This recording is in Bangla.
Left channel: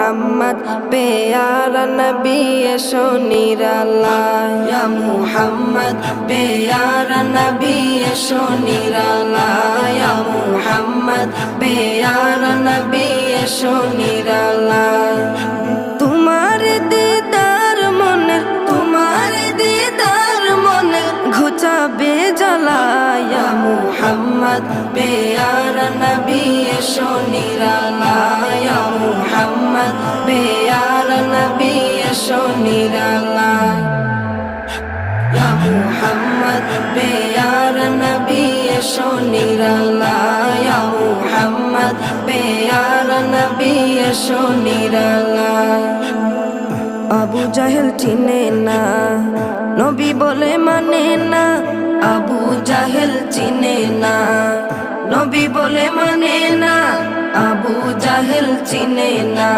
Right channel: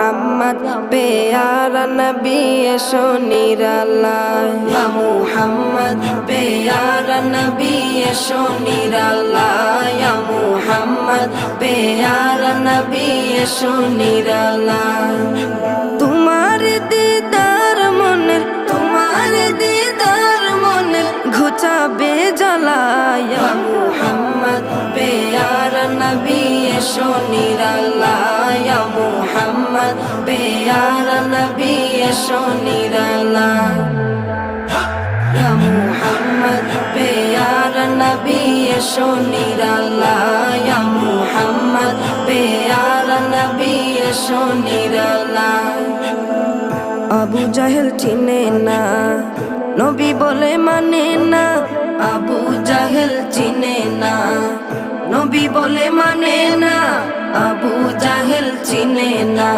মুহাম্মদ পেয়ারা নবী এসো নিরালায় ইয়া মুহাম্মদ পেয়ারা নবী এসো নিরালায় ইয়া মুহাম্মদ পেয়ারা নবী এসো নিরালায় তোমার দিদার মনের ঘুচাবে জ্বালায় ইয়া মুহাম্মদ পেয়ারা নবী এসো নিরালায় ইয়া মুহাম্মদ পেয়ারা নবী এসো নিরালায় ইয়া মুহাম্মদ পেয়ারা নবী এসো নিরালায় ইয়া মুহাম্মদ পেয়ারা নবী এসো নিরালায় আবু জাহেল চিনে না নবী বলে মানে না আবু জাহেল চিনে না নবী বলে মানে না আবু জাহেল চিনে না